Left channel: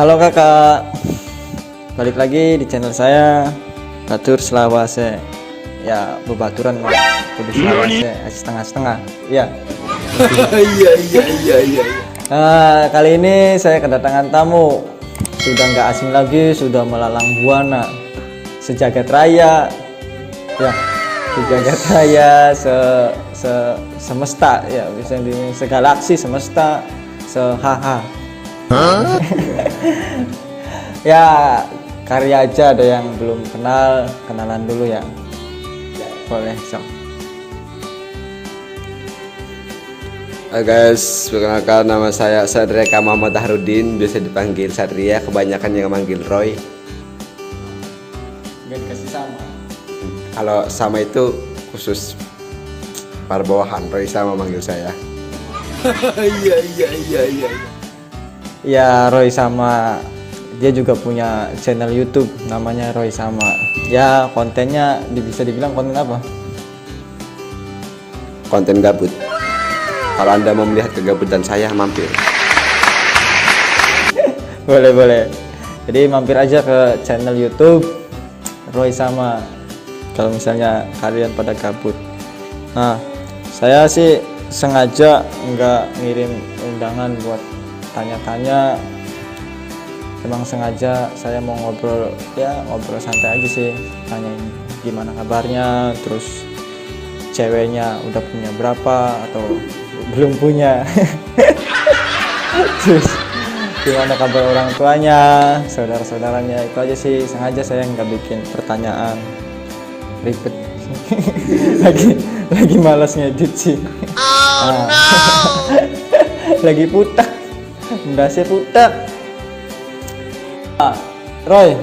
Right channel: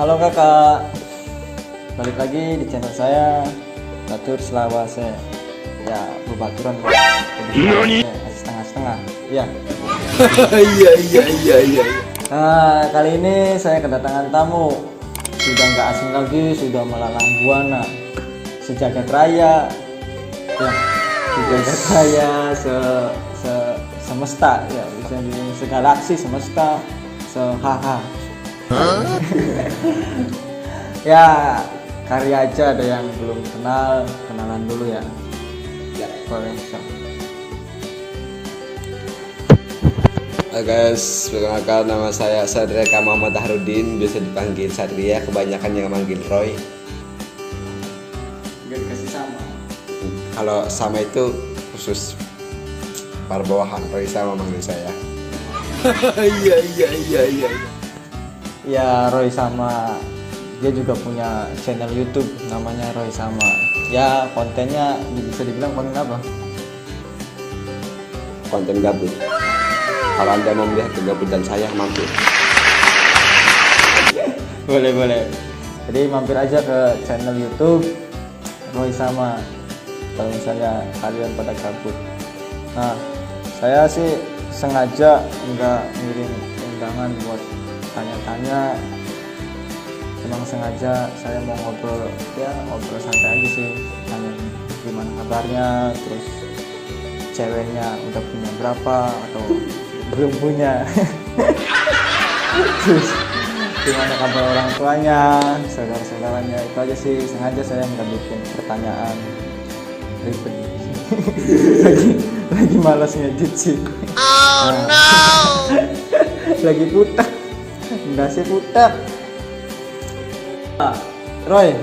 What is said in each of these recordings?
Halo kakak, balik lagi di channel saya Batur Selawase. Ya, bebaturan setengah-setengah. Ya. Iya. Nah, kali ini saya kedatangan tamu. Sudah nggak asing lagi, sudah melalang buana sejagat raya. Ya, sejagat raya, semesta ya, bisa di segalaksi semesta, sehaha. Ya, karya aja, ada yang belum kenal, kenalan dulu ya. Ya, boleh sok. Hai guys, perkenalkan nama saya Sadreka Muhammad Harudin, biasa dipanggil Satria, kebanyakan yang manggil Roy. Gak kasih sama. Kalau sama itu khusus para bawahan, Roy sama manggil saya. Iya. Ya, Roy sama, dia juga punya channel YouTube namanya Roy sama. Ya, kontennya bisa dibilang konten apa? Konten gabut. Kalau Anda mau melihat kegabutan saya, mampir. Boleh. Jadi mampir aja ke channel YouTube Roy sama kalau misalnya kalian pada gabut. Nah, saya sih sengaja nggak ngirim undangan buat tanya-tanya, emang sengaja saya mau ngobrol santai aja sih, tanya gimana kabarnya, terus ceweknya udah punya berapa atau belum punya. Terus gimana kabar orang tuanya, saudara-saudaranya, itu aja sih. Sengaja saya nggak bikin pertanyaan ribet. lagi malas ngedit sih. Oh no. Lagi putak, berhasil putak. Roy,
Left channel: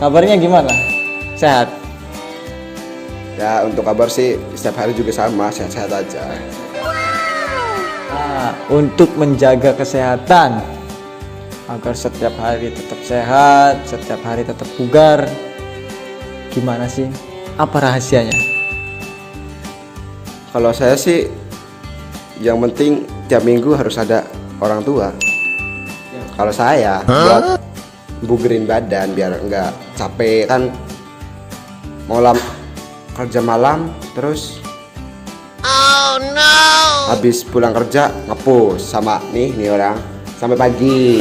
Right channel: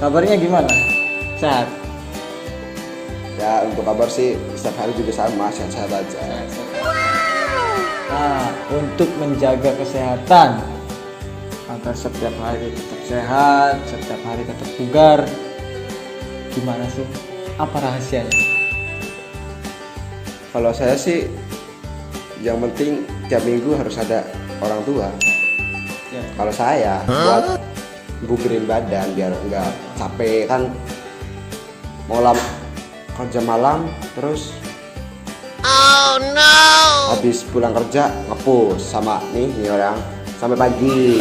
kabarnya gimana? Sehat? Ya, untuk kabar sih setiap hari juga sama, sehat-sehat aja. Untuk menjaga kesehatan agar setiap hari tetap sehat, setiap hari tetap bugar, gimana sih? Apa rahasianya? Kalau saya sih, yang penting tiap minggu harus ada orang tua. Ya. Kalau saya buat bugerin badan biar enggak capek kan, kerja malam terus habis pulang kerja ngepus sama nih orang sampai pagi.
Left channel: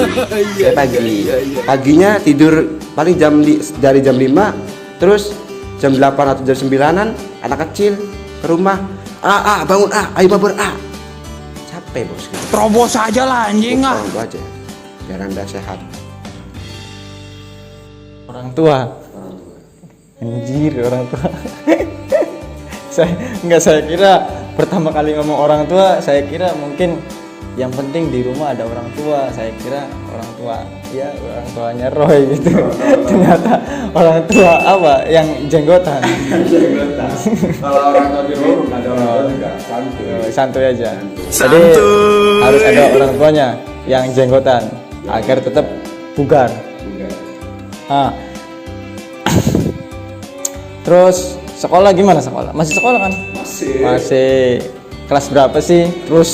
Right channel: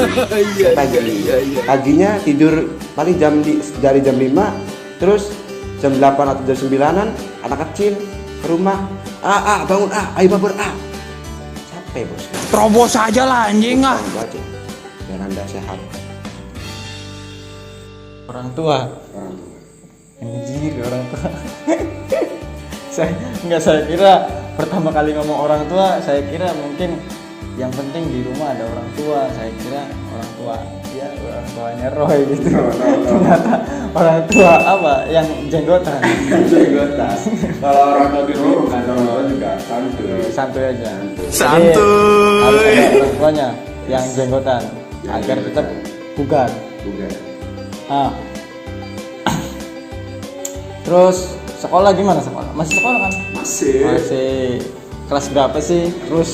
Paginya tidur paling dari jam 5 terus jam 8 atau jam 9-an anak kecil ke rumah bangun ayo babur capek bos, terobos aja lah anjing ah. Itu aja biar Anda sehat. Orang tua. Anjir, orang tua. Saya kira pertama kali ngomong orang tua, saya kira mungkin yang penting di rumah ada orang tua. Saya kira orang tua ya, orang tuanya Roy gitu. Ternyata orang tua apa yang jenggotan. Kalau orang tua di rumah ada orang tua juga Santuy aja. Santuy. Jadi, harus ada orang tuanya yang jenggotan agar tetap bugar. Terus sekolah gimana sekolah? Masih sekolah kan? Masih. Kelas berapa sih? Terus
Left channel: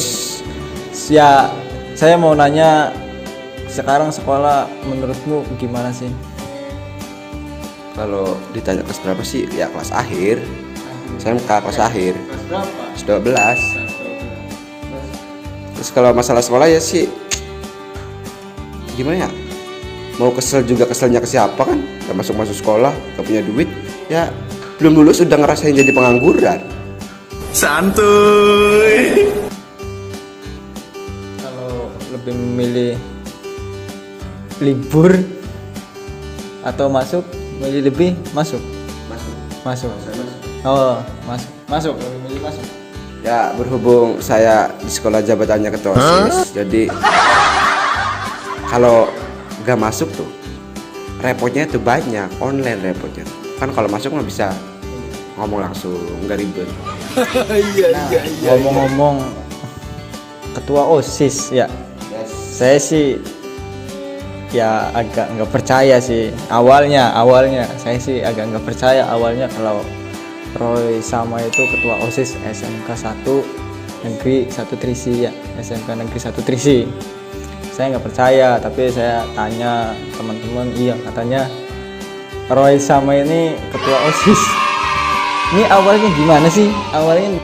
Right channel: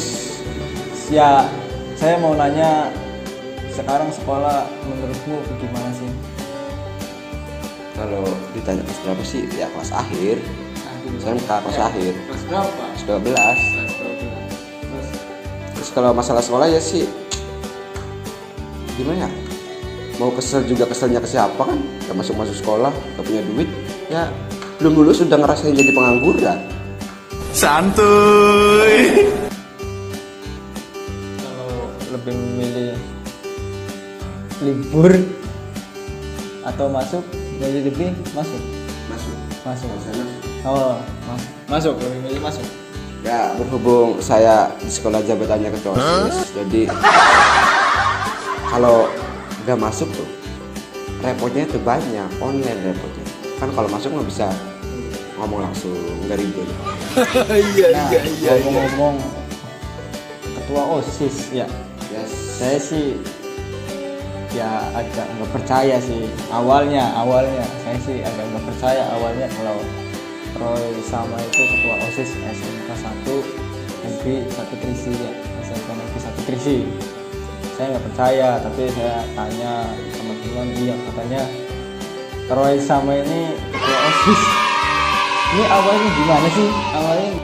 ya saya mau nanya, sekarang sekolah menurutmu gimana sih? Kalau ditanya kelas berapa sih? Ya kelas akhir. Saya kelas akhir. Kelas berapa? Kelas 12. Terus kalau masalah sekolah ya sih gimana ya? Mau kesel juga keselnya ke siapa kan? Gak masuk sekolah, gak punya duit, ya belum lulus udah ngerasain jadi pengangguran. Santuy. Kalau lebih memilih libur atau masuk, lebih masuk. Oh, masuk. Lebih milih masuk. Ya berhubung saya di sekolah jabatannya ketua OSIS, jadi kalau gak masuk tuh repotnya itu banyak, online repotnya. Kan kalau masuk nggak bisa ngomong langsung, nggak ribet. Ngomong ketua OSIS ya. Yes. Saya sih ya agak nggak percaya sih awalnya saya sih agak nggak percaya awalnya kalau Roy sama itu ketua OSIS SMK 1 Negeri 1 Trisi ya, SMK Negeri 1 Trisi. saya nggak percaya, tapi saya tanya teman-teman, iya katanya Roy sama ini ketua OSIS. Ini awalnya gimana sih? Awalnya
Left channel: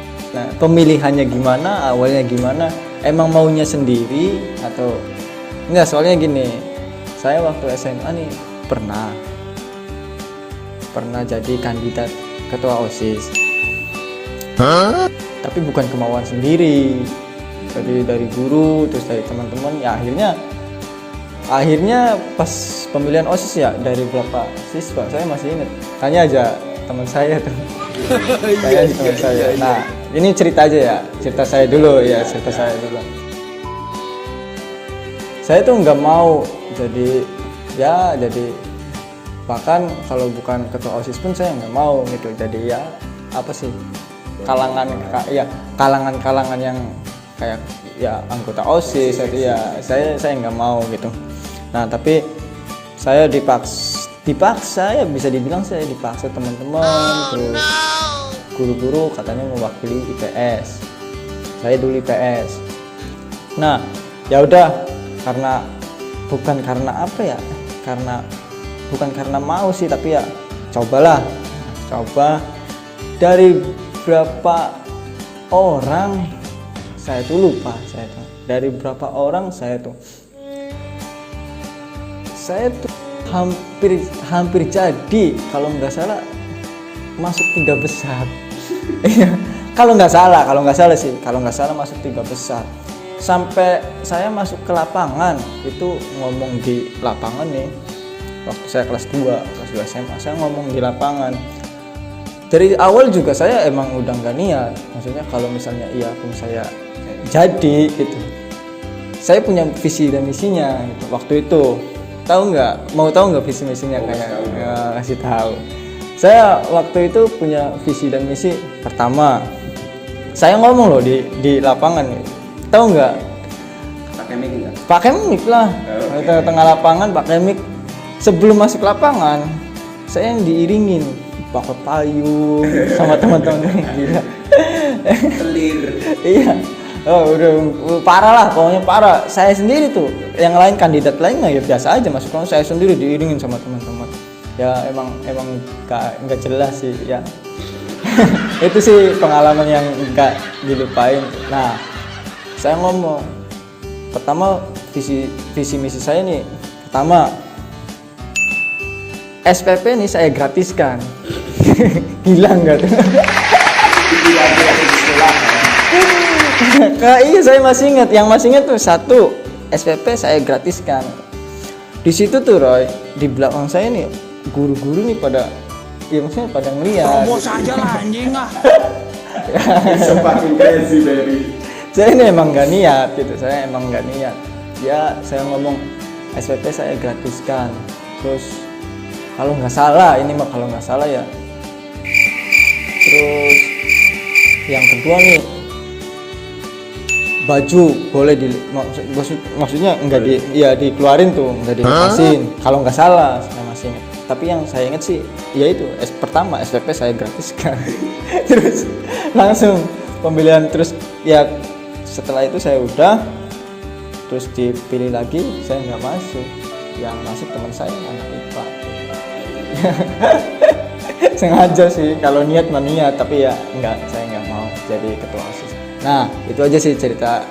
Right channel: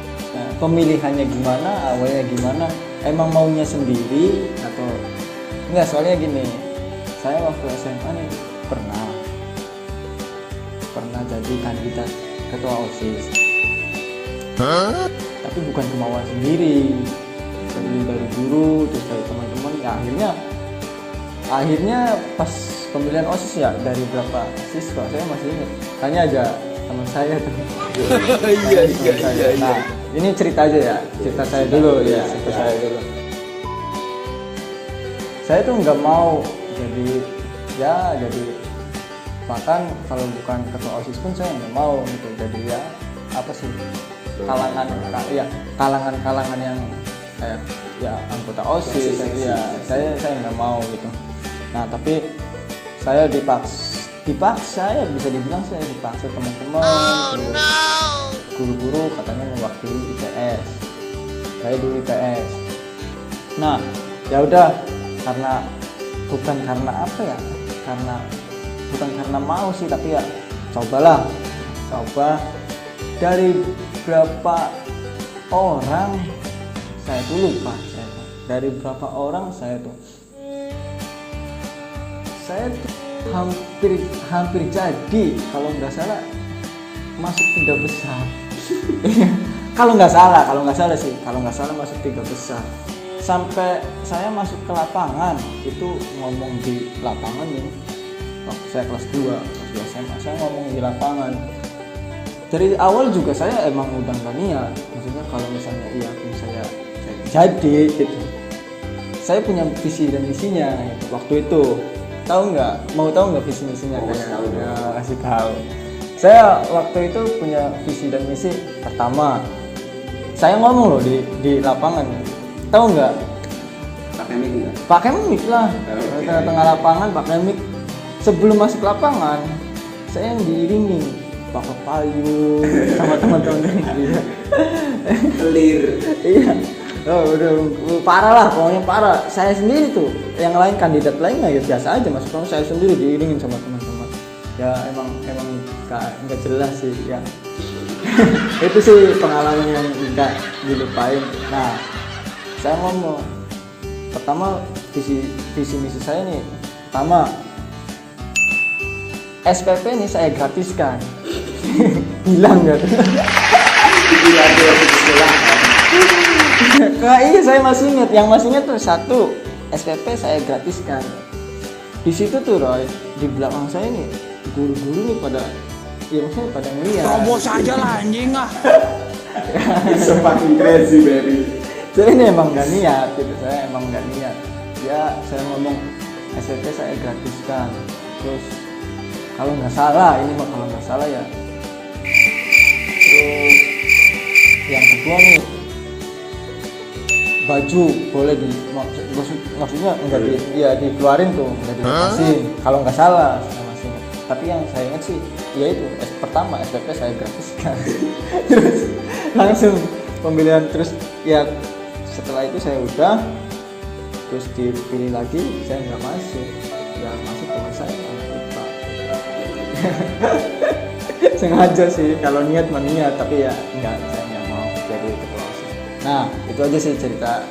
pemilihannya gimana? Awalnya gimana? Emang maunya sendiri atau enggak? Soalnya gini, saya waktu SMA nih pernah jadi kandidat ketua OSIS. Tapi bukan kemauan sendiri, dari guru, terus dari teman-teman. Ya akhirnya pas pemilihan OSIS ya, dari berapa siswa saya masih ingat, tanya aja teman saya tuh. Iya. Nah, ini cerita aja ya, cerita saya dulu. Saya tuh nggak mau jadi bahkan kalau bukan ketua OSIS pun saya nggak mau gitu. Jadi ya apa sih, kalangan yang kayak ya anggota OSIS itu ya saya nggak mau gitu. Nah tapi saya dipaksa ya, bisa dibilang saya dipaksa teman-teman, guru-guru katanya mewakili IPS, saya dulu IPS. Nah ya udah, bukan karena mau sih, tapi ya coba dari berapa orang saya tuh lupa, dari berapa orang saya tuh hampir jadi, kalau nggak salah masuk 3 besar. kalau nggak salah masuk 3 besar. Sampai saya masuk ke lapangan, itu ngomong di lapangan nih, waktu saya kelas 2 SMA, saya ngomong di lapangan. Dari awal juga saya emang udah nggak niat, maksudnya kalau misalnya saya jadi gitu, saya punya visi dan misinya gitu. Waktu itu mau tahu nggak visi misinya? Kasih tahu. Saya waktu itu punya visi dan misi. Pertama, saya ngomong loh di lapangan, tahu nggak? Pakai mic lah. Di tengah lapangan pakai mic. Sebelum masuk lapangan, saya yang diiringin pakai payung sama teman-teman. Clear. Iya. Oh, udah parah lah, pokoknya parah. Saya sendiri tuh, yang lain kandidat lain ya biasa aja masuk, saya sendiri diiringin sama teman-teman. Ya emang nggak jelas sih ya. Itu sih pengalaman yang nggak dilupain. Nah, saya ngomong pertama visi misi saya nih, pertama SPP nih saya gratiskan. Hilang nggak tuh? Iya, saya masih ingat. Yang masih ingat tuh 1 SPP saya gratiskan. Di situ tuh Roy, di belakang saya nih guru-guru nih pada ngeliat. Terobos aja lah anjing ah. Sepakin crazy baby. Saya ini emang nggak niat gitu, Ya saya ngomong SPP saya gratiskan. Terus kalau nggak salah ya. Terus yang kedua nih, baju boleh maksudnya enggak dikeluarin tuh, enggak dilepasin. Kalau nggak salah saya masih ingat. Tapi yang saya ingat sih ya itu pertama SPP saya gratiskan. Terus langsung pemilihan, terus ya setelah itu saya udah terus dipilih lagi, saya nggak masuk. Yang masuk teman saya sengaja sih, kalau niat mah niat, tapi ya enggak, saya nggak mau jadi ketua OSIS. Nah itu aja sih cerita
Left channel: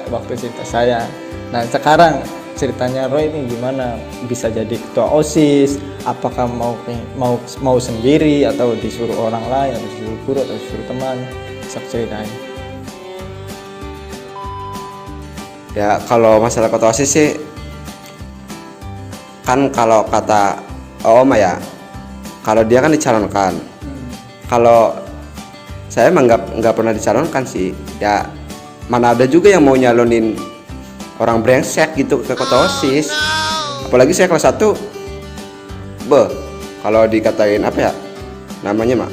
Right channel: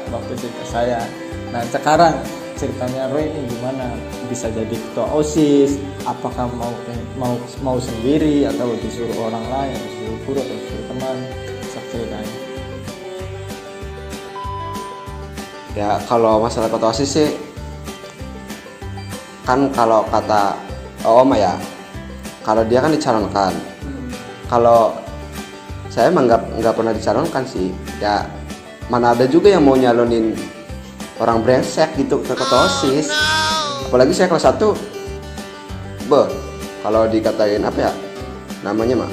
saya. Nah sekarang ceritanya Roy ini gimana bisa jadi ketua OSIS? Apakah mau sendiri atau disuruh orang lain, atau disuruh guru, atau disuruh teman? Bisa ceritain. Ya kalau masalah ketua OSIS sih, kan kalau kata Om ya, kalau dia kan dicalonkan. Kalau saya emang nggak pernah dicalonkan sih. Ya mana ada juga yang mau nyalonin orang brengsek gitu ke ketua OSIS. Apalagi saya kelas 1, kalau dikatain apa ya namanya mah,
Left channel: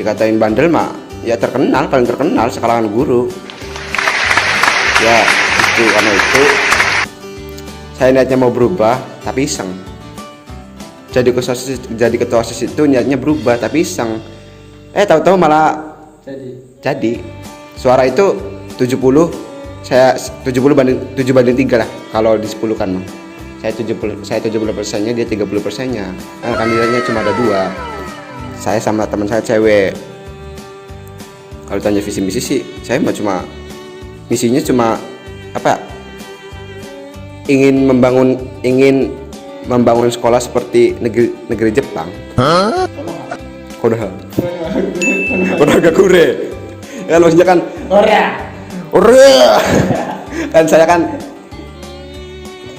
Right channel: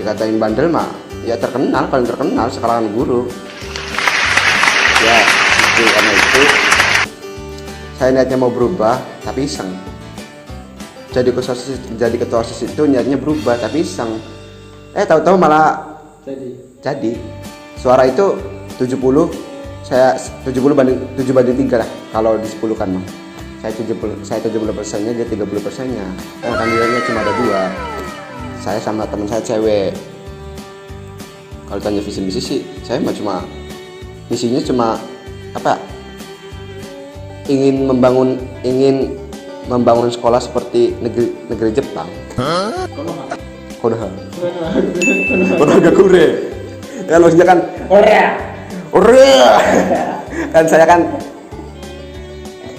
dikatain bandel mah, ya paling terkenal sekalangan guru. Ya itu, karena itu saya niatnya mau berubah tapi iseng. Jadi ketua OSIS itu niatnya berubah tapi iseng. Tahu-tahu malah jadi. Suara itu 70, saya 7 banding 3 lah kalau di 10 kan. Saya 70%-nya, dia 30%-nya. Kan kandidatnya cuma ada 2. Saya sama teman saya cewek. Kalau tanya visi misi sih, saya cuma misinya cuma apa? Ingin membangun sekolah seperti negeri Jepang. Konoha gak kure. Ya maksudnya kan Korea. Kan saya kan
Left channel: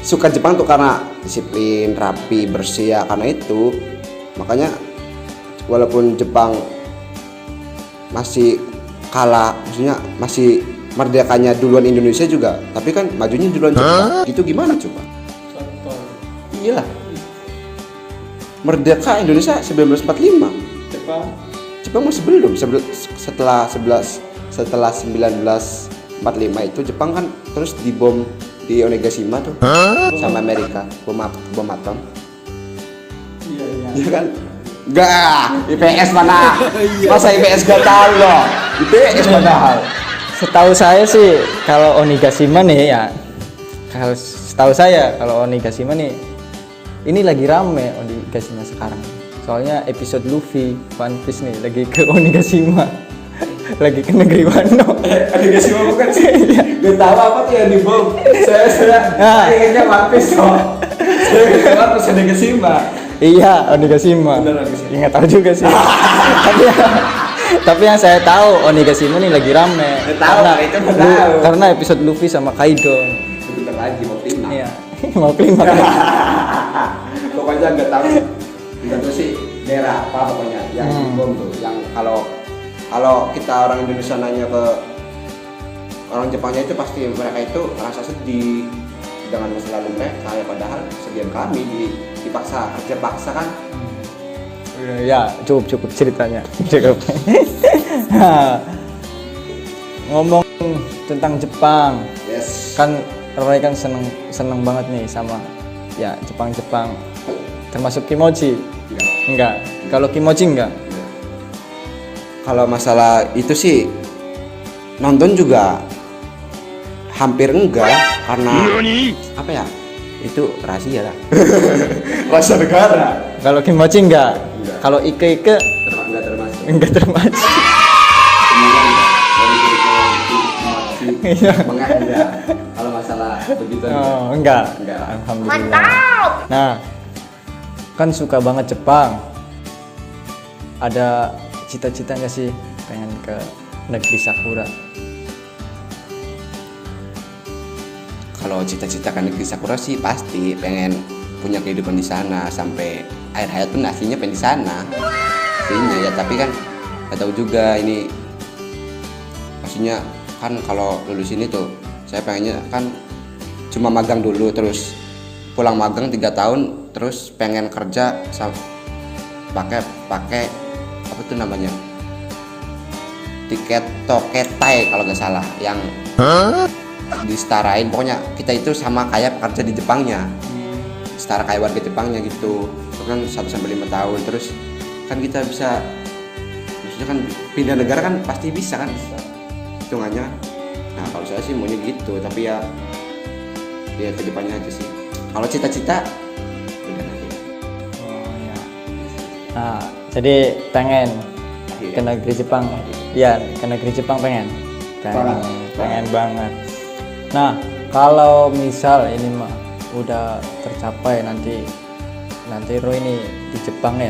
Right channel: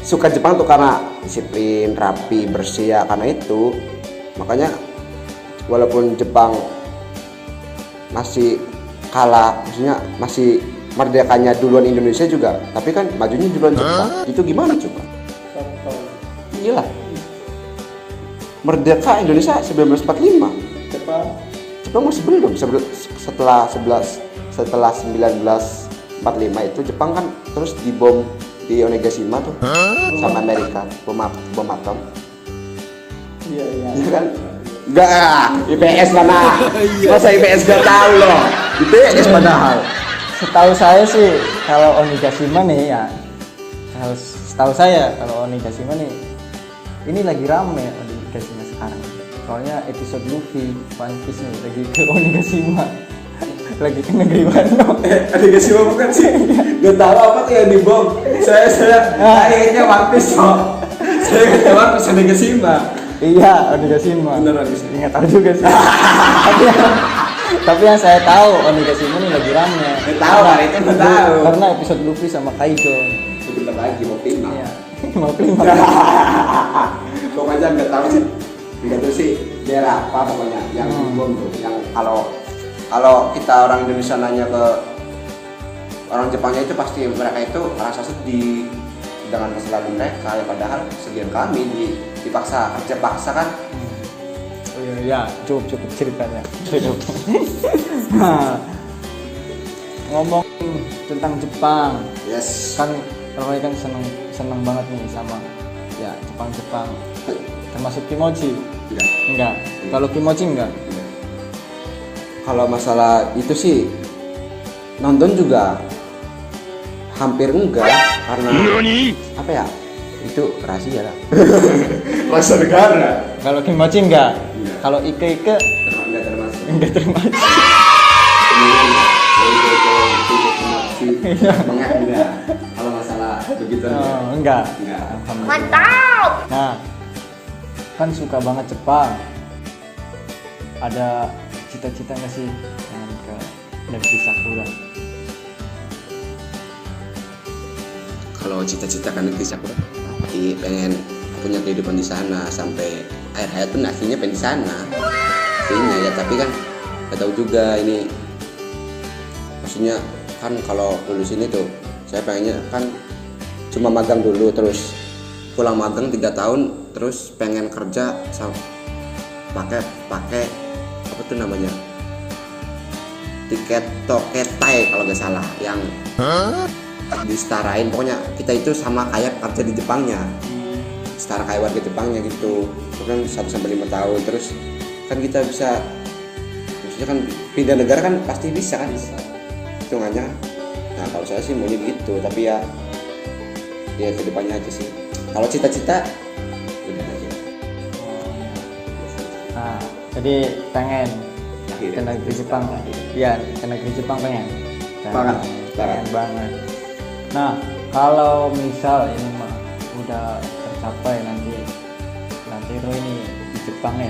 suka Jepang tuh karena disiplin, rapi, bersih ya, karena itu makanya walaupun Jepang masih kalah, maksudnya masih merdekanya duluan Indonesia juga, tapi kan majunya duluan Jepang. Itu gimana coba? Iyalah. Merdeka Indonesia 1945. Jepang masih belum. Setelah 1945 itu Jepang kan terus dibom di Onigashima tuh sama Amerika, bom atom. Iya kan? Enggak, IPS mana? Masa IPS gak tahu loh. IPS padahal. Setahu saya sih kalau Onigashima nih ya, kalau setahu saya kalau Onigashima nih ini lagi rame Onigashima sekarang. Soalnya episode Luffy One Piece nih lagi ke Onigashima. Lagi ke negeri Wano. Onigashima bukan sih? Gak tahu apa tuh yang dibom. Saya ingatnya One Piece kok. Saya ingatnya One Piece Onigashima. Iya, Onigashima. Nggak tahu juga sih. Tapi yang saya tahu Onigashima nih lagi rame. Tahu kan itu tahu. Karena episode Luffy sama Kaido. Bentar lagi mau klima. Iya. Mau klima. Pokoknya nggak tahu sih daerah apa pokoknya yang dibom tuh, yang kalau kita orang Indonesia nanya ke orang Jepangnya itu pasti mereka itu merasa sedih dengan masa lalu mereka, ya padahal sebagian kami dipaksa kerja paksa kan. Ya cukup ceritanya. Cukup. Nah, ngomong tentang Jepang, Yes. kan Roy kan seneng banget nih sama ya Jepang. Termasuk kimochi. Enggak. Kalau kimochi enggak. Kalau masalah itu sih nonton juga hampir enggak, karena apa ya, itu rahasia lah. Rahasia negara. Kalau kimochi enggak. Kalau ike Enggak termasuk. Enggak. Kalau masalah begitu enggak. Alhamdulillah. Mantap. Nah, kan suka banget Jepang. Ada cita-cita nggak sih pengen ke negeri Sakura? Kalau cita-cita kan negeri Sakura sih pasti pengen punya kehidupan di sana sampai akhir hayat tuh nasinya pengen di sana. Intinya ya, tapi kan nggak tahu juga ini. Maksudnya kan kalau lulus ini tuh saya pengennya kan cuma magang dulu, terus pulang magang 3 tahun, terus pengen kerja pakai apa tuh namanya, tiket toketai kalau nggak salah, yang disetarain, pokoknya kita itu sama kayak kerja di Jepangnya, setara kayak warga Jepangnya gitu. Itu kan 1-5 tahun, terus kan kita bisa, maksudnya kan pindah negara kan pasti bisa kan hitungannya. Nah kalau saya sih maunya gitu, tapi ya ke depannya aja sih. Kalau cita-cita Nah, jadi pengen ke negeri Jepang. Iya, ke negeri Jepang pengen banget. Nah, kalau misal ini mah udah tercapai nanti Roy ini di Jepang ya.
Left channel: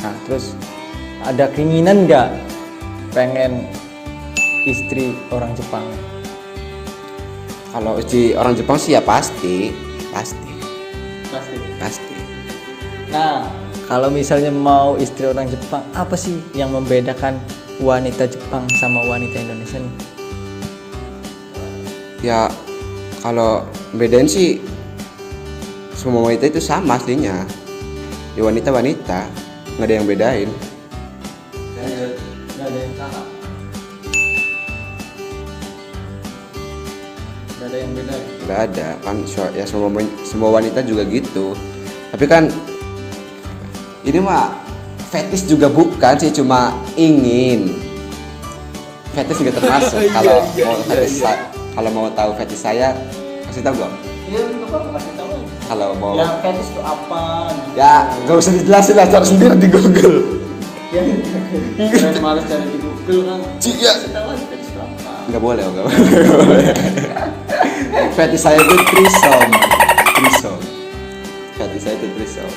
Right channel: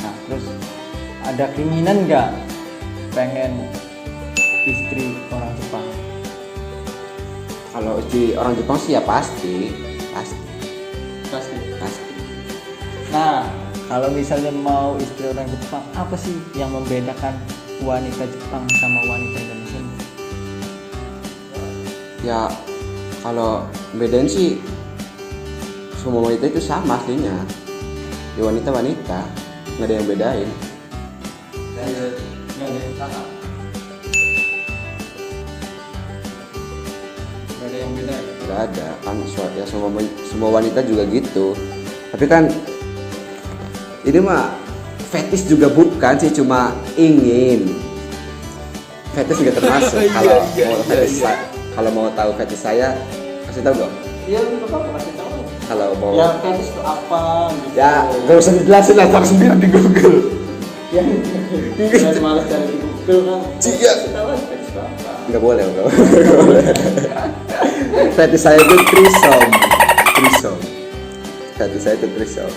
Nah, terus ada keinginan nggak pengen istri orang Jepang? kalau istri orang Jepang sih ya pasti. Nah, kalau misalnya mau istri orang Jepang, apa sih yang membedakan wanita Jepang sama wanita Indonesia? Ya kalau bedain sih semua wanita itu sama aslinya. Di wanita nggak ada yang bedain. Nggak ada kan, ya semua wanita juga gitu. Tapi kan ini mah fetish juga bukan sih, cuma ingin. Fetish juga termasuk. Kalau kalau mau tahu fetish saya kasih tahu gua. Iya, apa kasih tahu. Kalau mau Ya fetish itu apa? ya gak usah dijelasin lah, cari sendiri di Google. Ya, saya malas cari di Google kan. Iya. Kasih tahu fetish itu apa? Nggak boleh. Fetish saya itu threesome. Fetish saya itu threesome.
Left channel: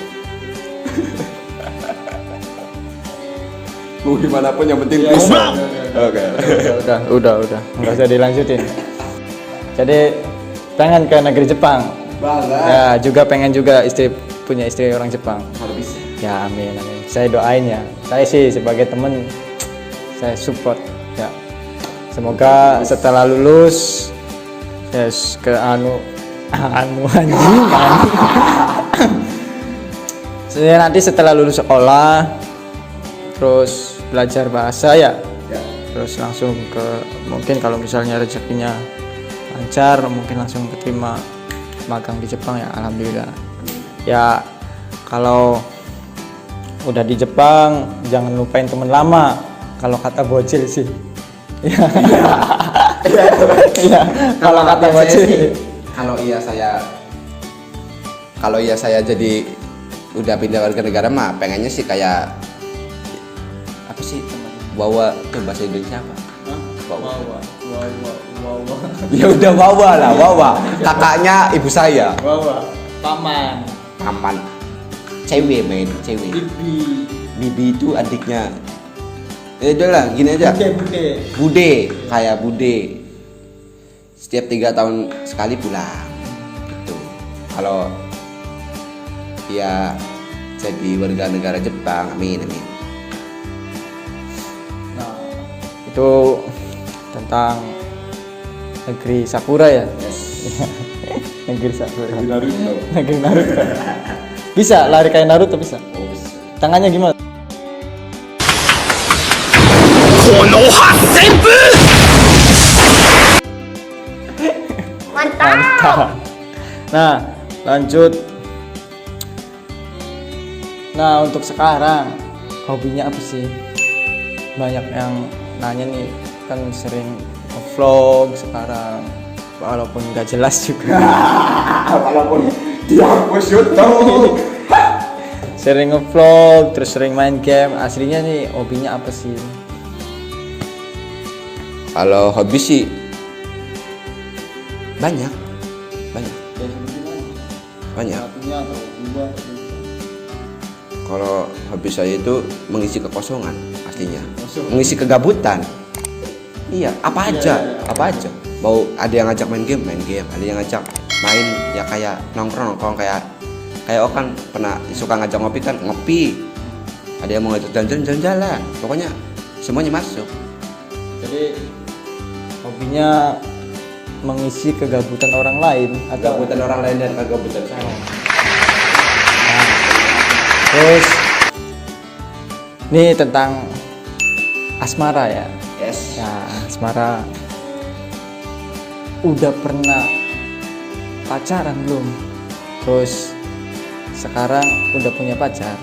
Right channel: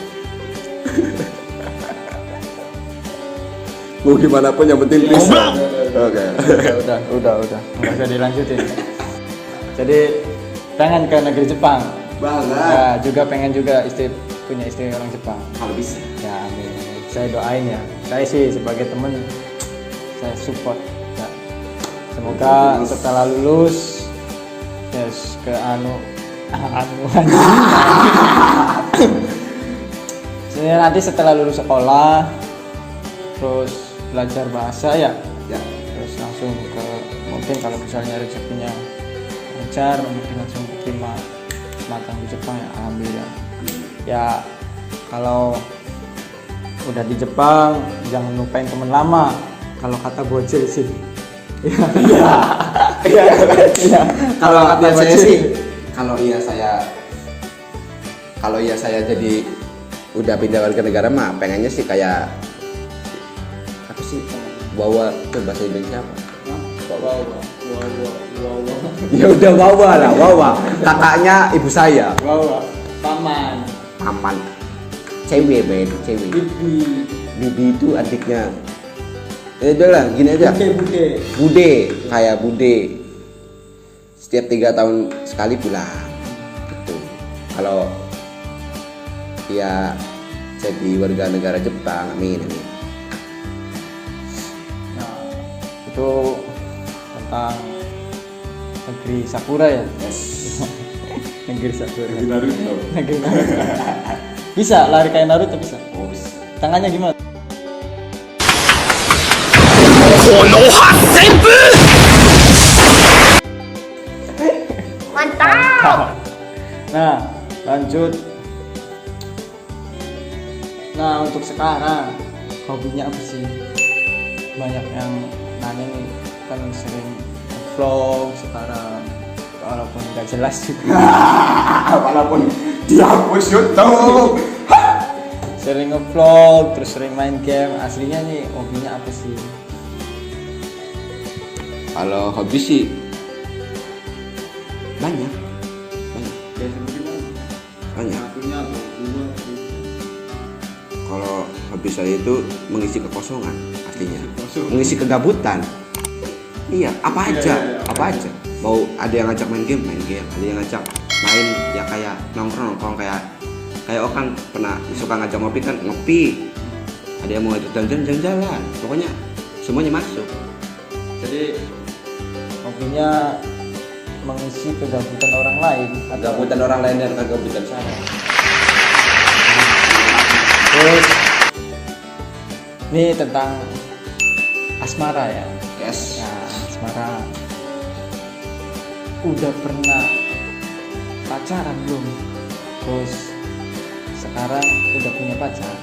Mau gimana pun yang penting threesome. Oke. Udah. Nggak usah dilanjutin. Jadi pengen ke negeri Jepang. Banget. Ya, juga pengen juga punya istri orang Jepang. Kalau bisa. Ya amin. Saya doain ya. Saya sih sebagai temen saya support ya. Semoga setelah lulus yes ke saya nanti setelah lulus sekolah terus belajar bahasa ya. Ya. Terus langsung ke mungkin kalau misalnya rezekinya lancar mungkin langsung diterima magang di Jepang ya alhamdulillah. Ya kalau udah di Jepang jangan lupain teman lama kalau kata bocil sih. Iya. Kalau kata saya sih, kalau iya saya jadi udah pindah warga negara mah pengennya sih kayak apa sih bawa ke bahasa Indonesia apa? Ya udah bawa kakaknya ibu saya paman cewek bibi itu adiknya udah lah gini aja bude setiap 3 tahun sekali pulang gitu. Kalau dia jadi warga negara Jepang amin. Nah, itu tentang negeri Sakura ya. Negeri Sakura. Negeri Naruto. Bisa lari kayak Naruto bisa. Oh, bisa. Tangannya gimana? Mantap. Nah, lanjut. Nah, untuk sekarang hobinya apa sih? Banyak yang nanya nih, kan sering vlog sekarang walaupun nggak jelas juga. Walaupun dihapus YouTube. Sering ngevlog, terus sering main game. Aslinya nih hobinya apa sih? Kalau hobi sih banyak. Kalau hobi saya itu mengisi kekosongan artinya, mengisi kegabutan. Iya, apa aja. Mau ada yang ngajak main game, ada yang ngajak main ya kayak nongkrong kayak Okan pernah suka ngajak ngopi kan ngopi. Ada yang mau ngajak jalan-jalan. Pokoknya semuanya masuk. Jadi hobinya mengisi kegabutan orang lain atau Kegabutan orang lain dan kegabutan saya. terus ini tentang asmara ya. Yes. Nah, asmara udah pernah pacaran belum? Terus sekarang udah punya pacar?